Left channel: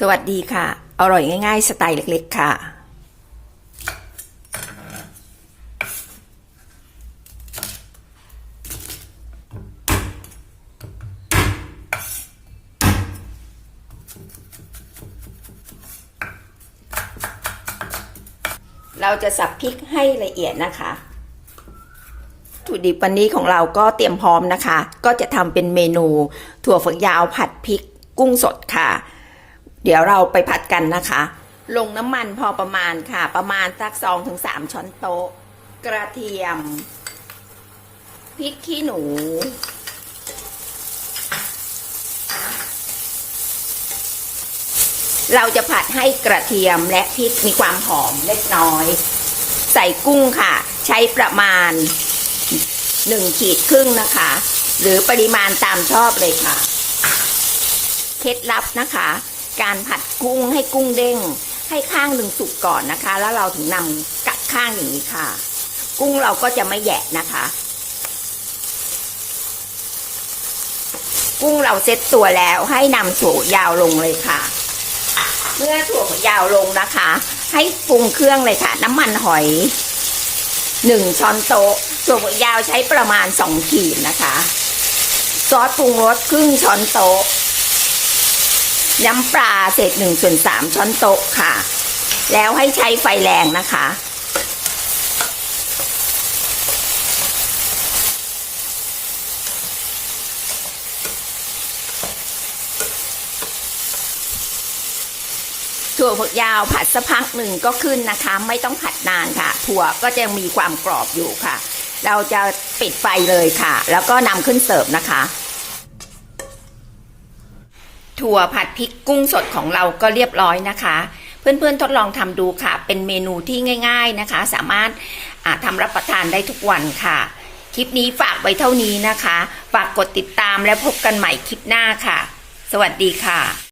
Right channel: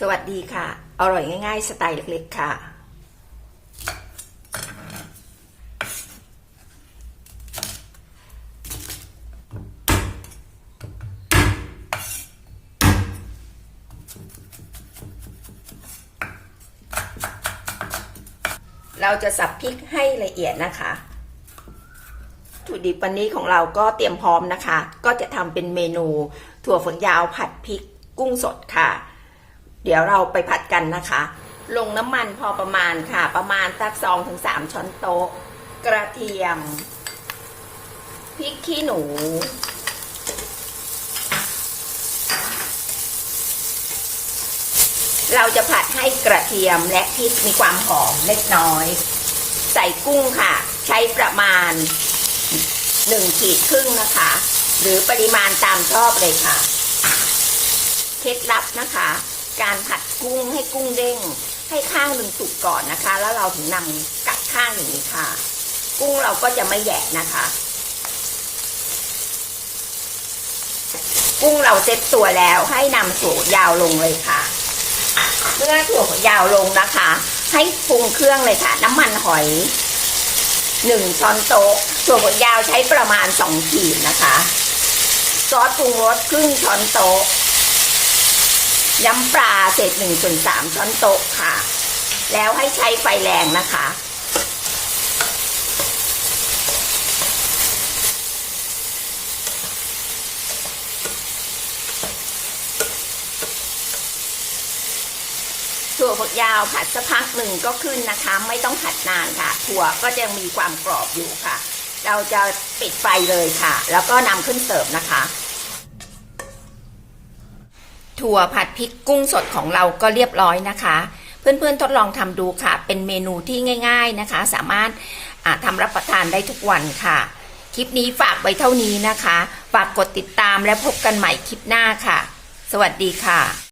สวัสดีค่ะ อร่อยง่าย ๆ สไตล์เล็ก ๆ ค่ะ เราจะสับพริกให้ละเอียดนะคะวัตถุดิบวันนี้ของเราก็เตรียมพร้อมนะคะ ก็จะทำเป็นเมนู ถั่วฝักยาวผัดพริกกุ้งสดค่ะ เดี๋ยวเราไปผัดกันนะคะ ลงน้ำมันพอประมาณค่ะ ประมาณสักสองถึงสามช้อนโต๊ะ กระเทียม พริกขี้หนู เราจะผัดให้กระเทียมและพริกมีความหอมเล็กน้อย ใส่กุ้งค่ะ ใช้ประมาณหนึ่งขีดครึ่งนะคะ หรือปริมาณตามชอบเลยค่ะ เคล็ดลับนะคะ การผัดกุ้งให้กุ้งเด้ง ให้ข้างหนึ่งสุกก่อนนะคะ แล้วเราถึงนำกลับข้างอย่างนี้ค่ะ กุ้งเราก็จะไม่แยะนะคะ กุ้งเราเซ็ตตัวแล้วให้นำถั่วยาวลงเลยค่ะเมื่อถั่วยาวลงนะคะ ให้ปรุงเครื่องเลยค่ะน้ำมันหอยหนึ่งช้อนโต๊ะถั่วฝักยาวใช้ประมาณสองขีดนะคะ ซอสปรุงรสครึ่งช้อนโต๊ะ น้ำปลาเศษหนึ่งส่วนสามช้อนโต๊ะค่ะ แล้วให้ใช้ไฟแรงนะคะ ถั่วฝักยาวผัดสักพักหนึ่งก็ขึ้นนะคะ ไม่ต้องผัดนานค่ะ ถั่วก็จะมีความกรอบอยู่ค่ะ เราจะปิดไฟเลยค่ะ แล้วก็นำขึ้นเสิร์ฟนะคะ ถั่วผัดพริกกุ้งสดของเราก็เรียบร้อยนะคะ เพื่อนๆทดลองทำดูค่ะ เป็นเมนูที่ง่าย ๆนะคะ สามารถทำรับประทานได้ทุกวันค่ะ คลิปนี้ฝากไว้เท่านี้นะคะ ฝากกดติดตามและพบกันใหม่คลิปหน้าค่ะ สวัสดีค่ะ